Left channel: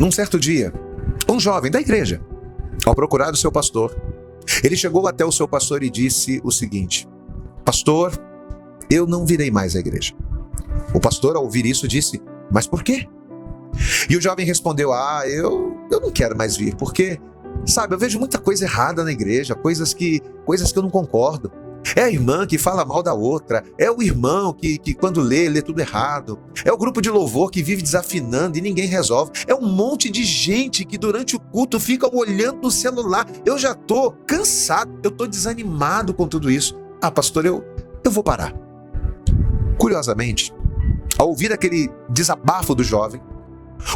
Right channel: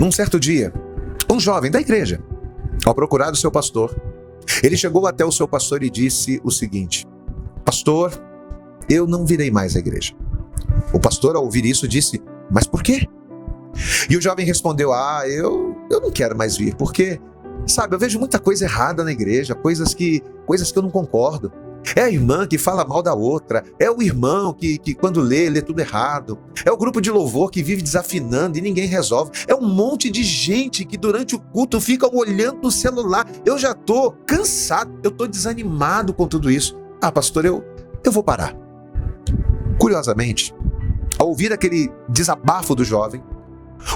Num certo dia, um jovem da igreja, ao procurar o seu pastor, ele chegou até o seu pastor e disse o seguinte: pastor, eu não virei mais à igreja. O pastor, ao ouvir isso, disse: mas por quê? E o jovem respondeu: eu não quero mais vir, porque, sabe, eu vejo muita coisa errada na igreja, coisas que eu não concordo. É a irmã que fala mal da outra, é o irmão que quando lê tudo errado, é o grupo de louvor que vive desafinando e ninguém resolve, é um monte de gente que durante o culto fica olhando no celular. Eu já estou cansado, eu estou desanimado com tudo isso. Pastor, eu vou parar. Curiosamente, ao ouvir aquele desabafo do jovem,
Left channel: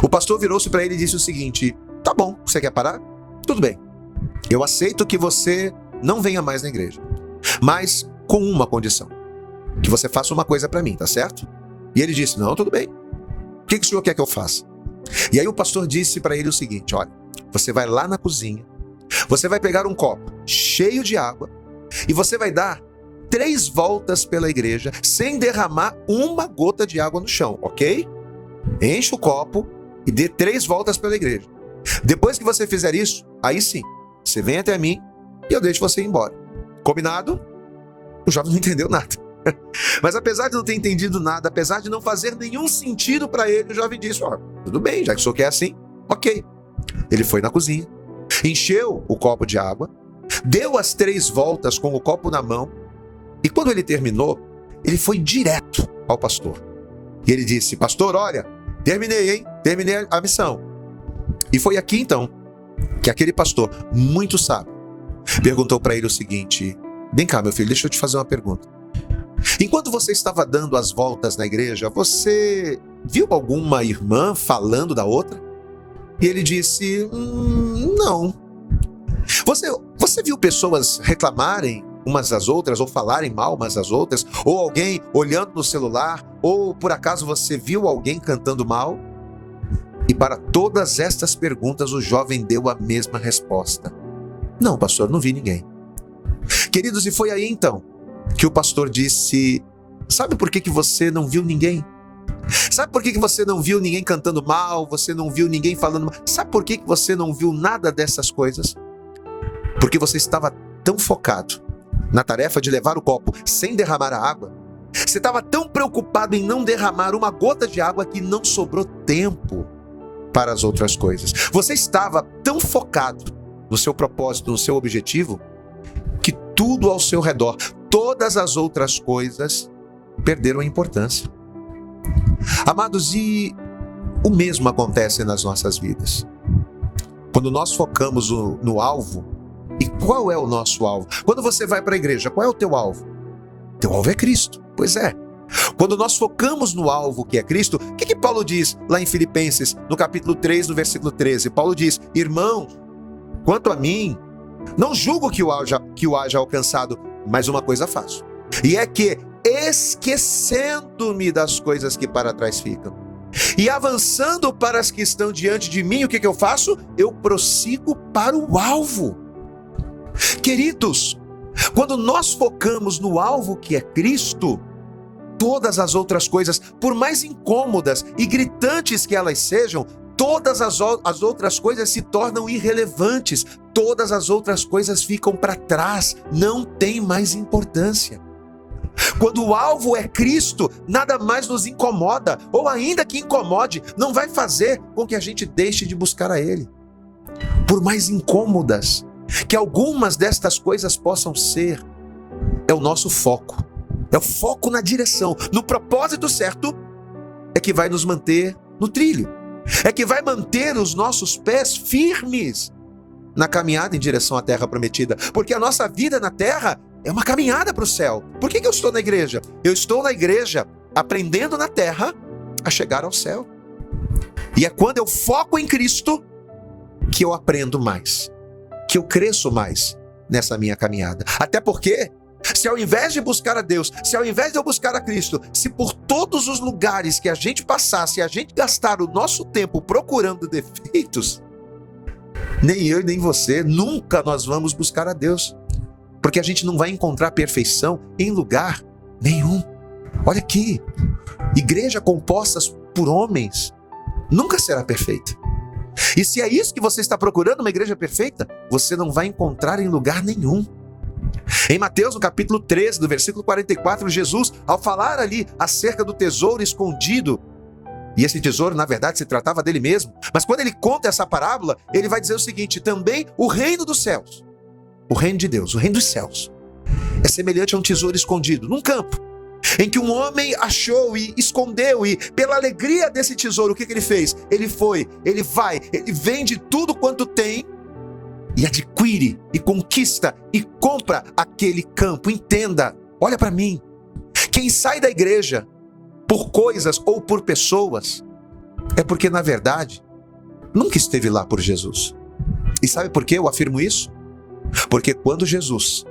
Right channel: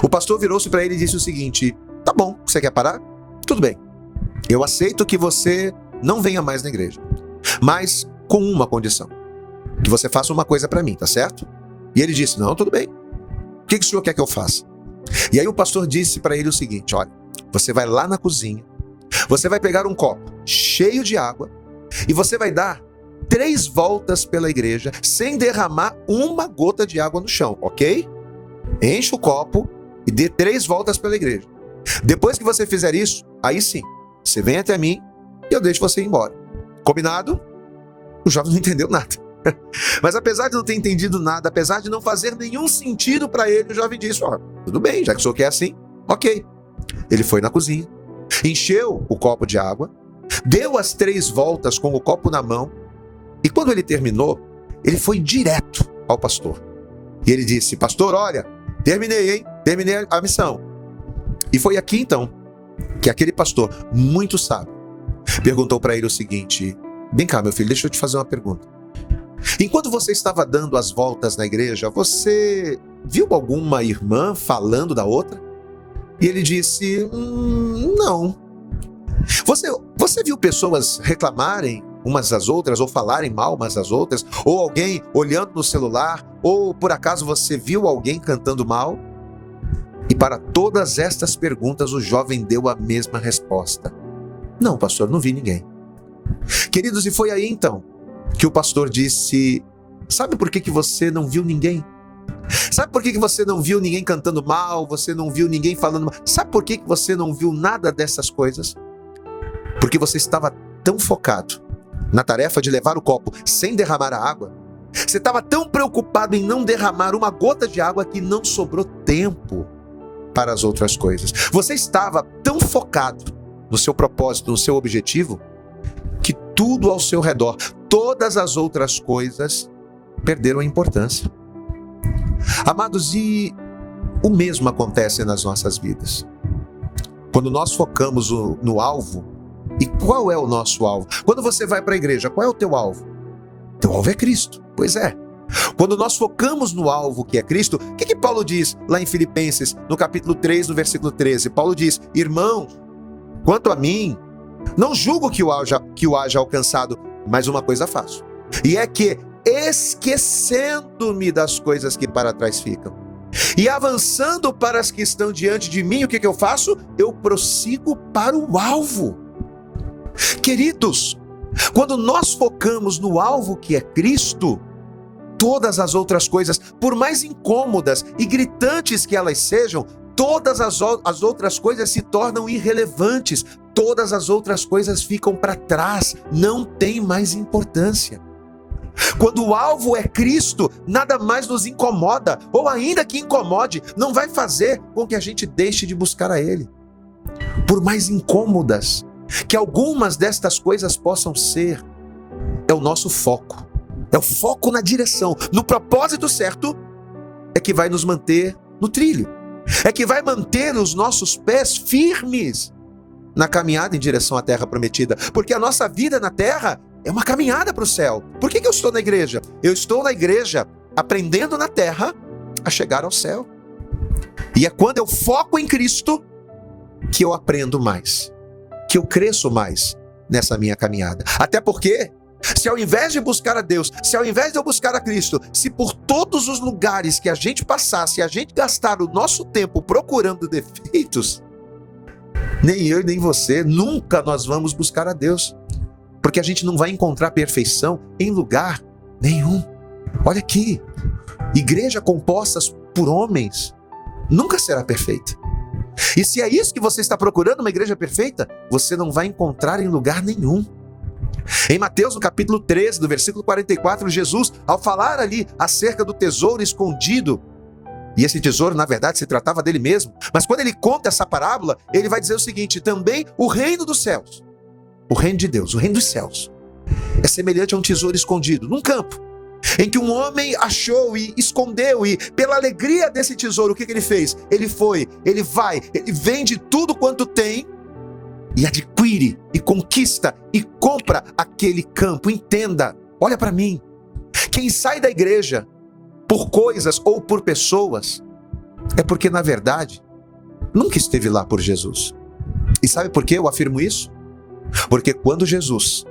o pastor virou-se para ele e disse o seguinte: tá bom, você quer parar? Tudo bem, eu aceito que você não venha mais na igreja, mas com uma condição: que você faça uma coisa para mim, tá certo? E ele disse: não, tudo bem, o que o senhor quer que eu faça? E aí o pastor disse para ele o seguinte: olha, você vai lá na cozinha, você vai pegar um copo cheio de água e você vai dar 3 voltas pela igreja sem derramar uma gota de água no chão, ok? Enche o copo e dê 3 voltas pela igreja. Depois que você fizer isso, aí sim, você vem até mim e eu deixo você ir embora. Combinado? O jovem não entendeu nada. Mas apesar de não ter entendido nada, apesar de não fazer nenhum sentido para ele, o jovem disse: tudo bem, já que o senhor quer assim, ok. Ele foi na cozinha, encheu o copo de água, deu as 3 voltas com o copo na mão, e quando ele terminou, ele foi direto ao pastor. E ele disse: pastor, olha, terminei, hein? Terminei a missão. E foi aqui então que aquele pastor, muito sábio, perguntou para ele o seguinte: vem cá, meu filho, deixa eu te fazer uma pergunta. Enquanto você estava dando as voltas na igreja, você viu alguma irmã falando da outra? E ele disse: não. Você viu pessoas reclamarem umas das outras, ou falarem mal umas das outras, ou alguém olhando no celular, ou por acaso você viu alguém cantando mal? E para todas estas perguntas o jovem deu a mesma resposta: não, pastor, não vi ninguém. Queridos, e foi aí então que o pastor disse: sabe por que você não viu ninguém? Sabe por que você não viu ninguém cantando mal? Você não viu ninguém falando mal? Sabe por que você não viu nada dessas coisas? Porque você estava tão focado na tarefa de levar o copo sem derramar a água, você estava tão preocupado em não derramar uma gota de água que não sobrou tempo para as outras coisas. Você estava tão focado no seu propósito, no seu objetivo, que tudo ao seu redor, todas as outras coisas, perderam a importância. Amados, e o mesmo acontece nas nossas vidas. Quando nós focamos no alvo. E qual é o nosso alvo? Quando você vai para a igreja, qual é o teu alvo? Teu alvo é Cristo. Pois é. Quando nós focamos no alvo que é Cristo, o que Paulo diz lá em Filipenses, no capítulo 3, no versículo 13? Paulo diz: irmão, quanto a mim, não julgo que o haja alcançado, mas uma coisa faço. E é que, esquecendo-me das coisas que para trás ficam, e avançando para as que estão diante de mim, o que eu faço? Eu prossigo para o alvo. Queridos, quando nós focamos no alvo que é Cristo, todas as outras coisas, por mais incômodas e gritantes que elas sejam, todas as outras coisas se tornam irrelevantes, todas as outras coisas ficam para trás, não tem mais importância. Quando o alvo é Cristo, nada mais nos incomoda, ou ainda que incomode, não vai fazer com que a gente deixe de buscar a Ele. Por mais incômodas que algumas destas coisas possam ser, é o nosso foco. É o foco na direção, no propósito certo, é que vai nos manter no trilho. É que vai manter os nossos pés firmes na caminhada em direção à terra prometida. Porque a nossa vida na terra é uma caminhada para o céu. Por que eu estou na igreja? Eu estou na igreja aprendendo na terra a chegar ao céu. E é quando eu foco em Cristo que eu aprendo mais, que eu cresço mais nessa minha caminhada. Até porque, se ao invés de buscar a Deus, se ao invés de eu buscar a Cristo, se por todos os lugares que a gente passar, se a gente gastar o nosso tempo procurando defeitos, nem eu nem você, nunca nós vamos buscar a Deus. Porque a gente não vai encontrar perfeição em lugar nenhum. Olha aqui, igreja composta por homens nunca será perfeita. E se é isso que você está procurando, uma igreja perfeita, você não vai encontrar em lugar nenhum. Em Mateus, no capítulo 13, do versículo 44, Jesus, ao falar ali acerca do tesouro escondido, e esse tesouro, na verdade, se tratava dele mesmo, mas quando ele conta essa parábola, ele vai dizer o seguinte: também o reino dos céus, o reino de Deus, o reino dos céus, é semelhante a um tesouro escondido num campo, em que um homem achou e escondeu, e pela alegria desse tesouro, o que ele fez? Ele vende tudo quanto tem, e adquire, e conquista, e compra aquele campo. Entenda, olha para mim, quem sai da igreja por coisas ou por pessoas, é porque na verdade, nunca esteve lá por Jesus. E sabe por que eu afirmo isso? Porque quando Jesus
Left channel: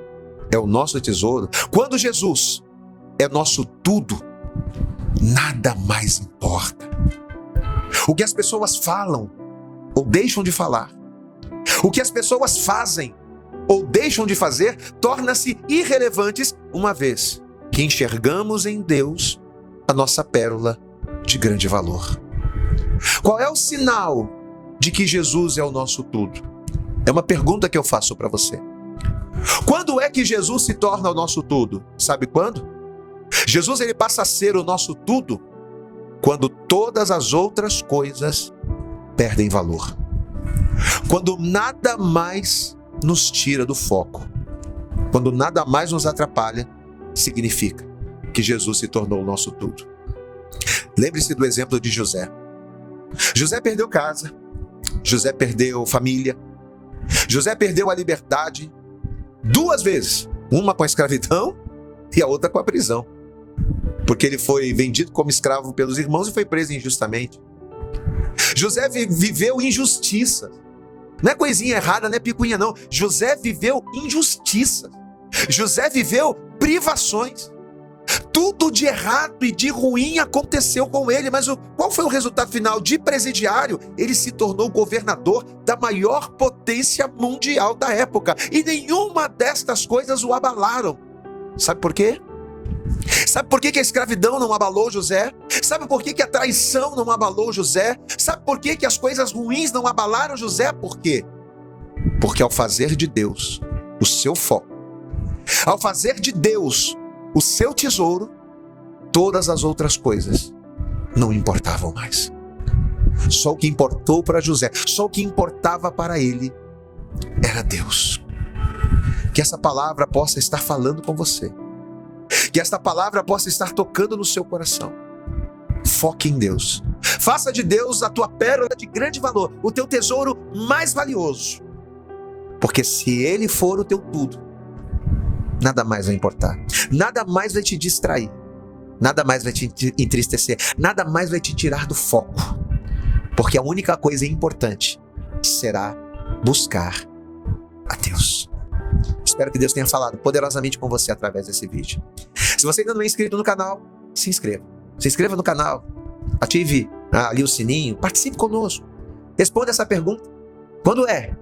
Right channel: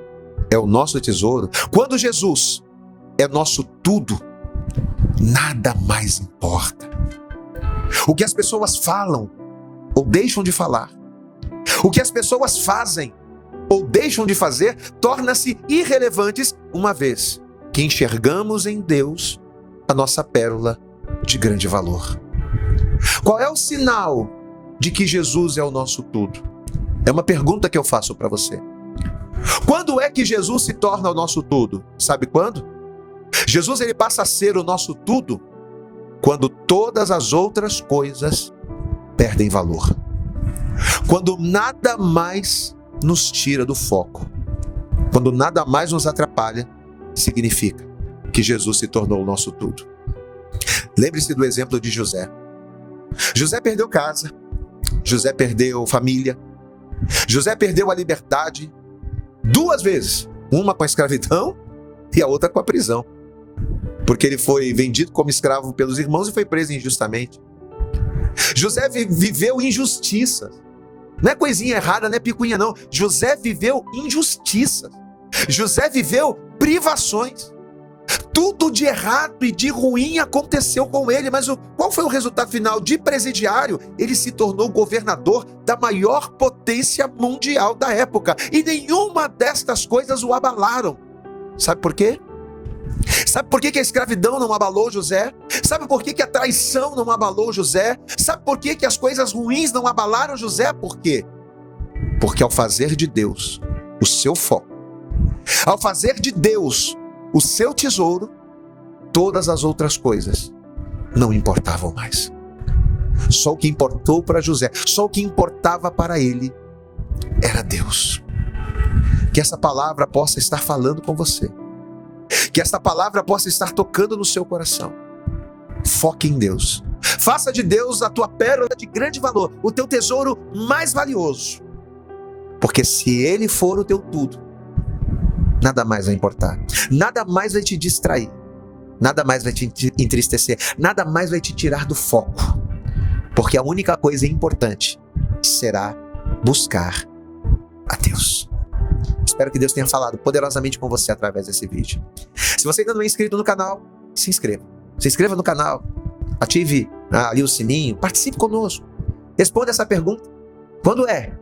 é o nosso tesouro, quando Jesus é nosso tudo, nada mais importa. O que as pessoas falam ou deixam de falar, o que as pessoas fazem ou deixam de fazer, torna-se irrelevantes, uma vez que enxergamos em Deus a nossa pérola de grande valor. Qual é o sinal de que Jesus é o nosso tudo? É uma pergunta que eu faço para você. Quando é que Jesus se torna o nosso tudo? Sabe quando? Jesus, ele passa a ser o nosso tudo quando todas as outras coisas perdem valor. Quando nada mais nos tira do foco. Quando nada mais nos atrapalha, significa que Jesus se tornou o nosso tudo. Lembre-se do exemplo de José. José perdeu casa, José perdeu família, José perdeu a liberdade 2 vezes, uma com a escravidão e a outra com a prisão, porque ele foi vendido como escravo pelos irmãos e foi preso injustamente. José viveu injustiça, não é coisinha errada, não é picuinha não. José viveu injustiça, José viveu privações. Tudo de errado e de ruim aconteceu com ele, mas qual foi o resultado final? De presidiário, ele se tornou governador da maior potência mundial da época, e nenhuma destas coisas o abalaram. Sabe por quê? Sabe por que a escravidão não abalou José? Sabe por que a traição não abalou José? Sabe por que as coisas ruins não abalaram José? Por quê? Porque ao fazer de Deus o seu foco, ao fazer de Deus o seu tesouro, todas as outras coisas não importavam mais. Só o que importou para José, só o que importava para ele era Deus. Que essa palavra possa estar falando com você, que essa palavra possa estar tocando no seu coração. Foque em Deus. Faça de Deus a tua pérola de grande valor, o teu tesouro mais valioso. Porque se Ele for o teu tudo, nada mais vai importar, nada mais vai te distrair, nada mais vai te entristecer, nada mais vai te tirar do foco, porque a única coisa importante será buscar a Deus. Espero que Deus tenha falado poderosamente com você através desse vídeo. Se você ainda não é inscrito no canal, se inscreva no canal, ative ali o sininho, participe conosco, responda essa pergunta: quando é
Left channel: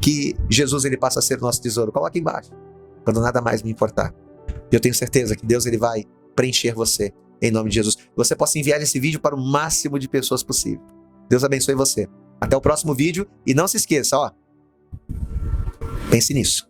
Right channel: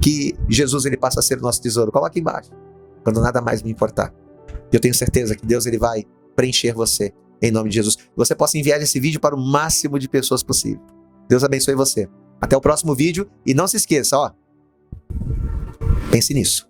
que Jesus ele passa a ser o nosso tesouro? Coloque aqui embaixo. Quando nada mais me importar. Eu tenho certeza que Deus ele vai preencher você, em nome de Jesus. Você possa enviar esse vídeo para o máximo de pessoas possível. Deus abençoe você. Até o próximo vídeo e não se esqueça, pense nisso.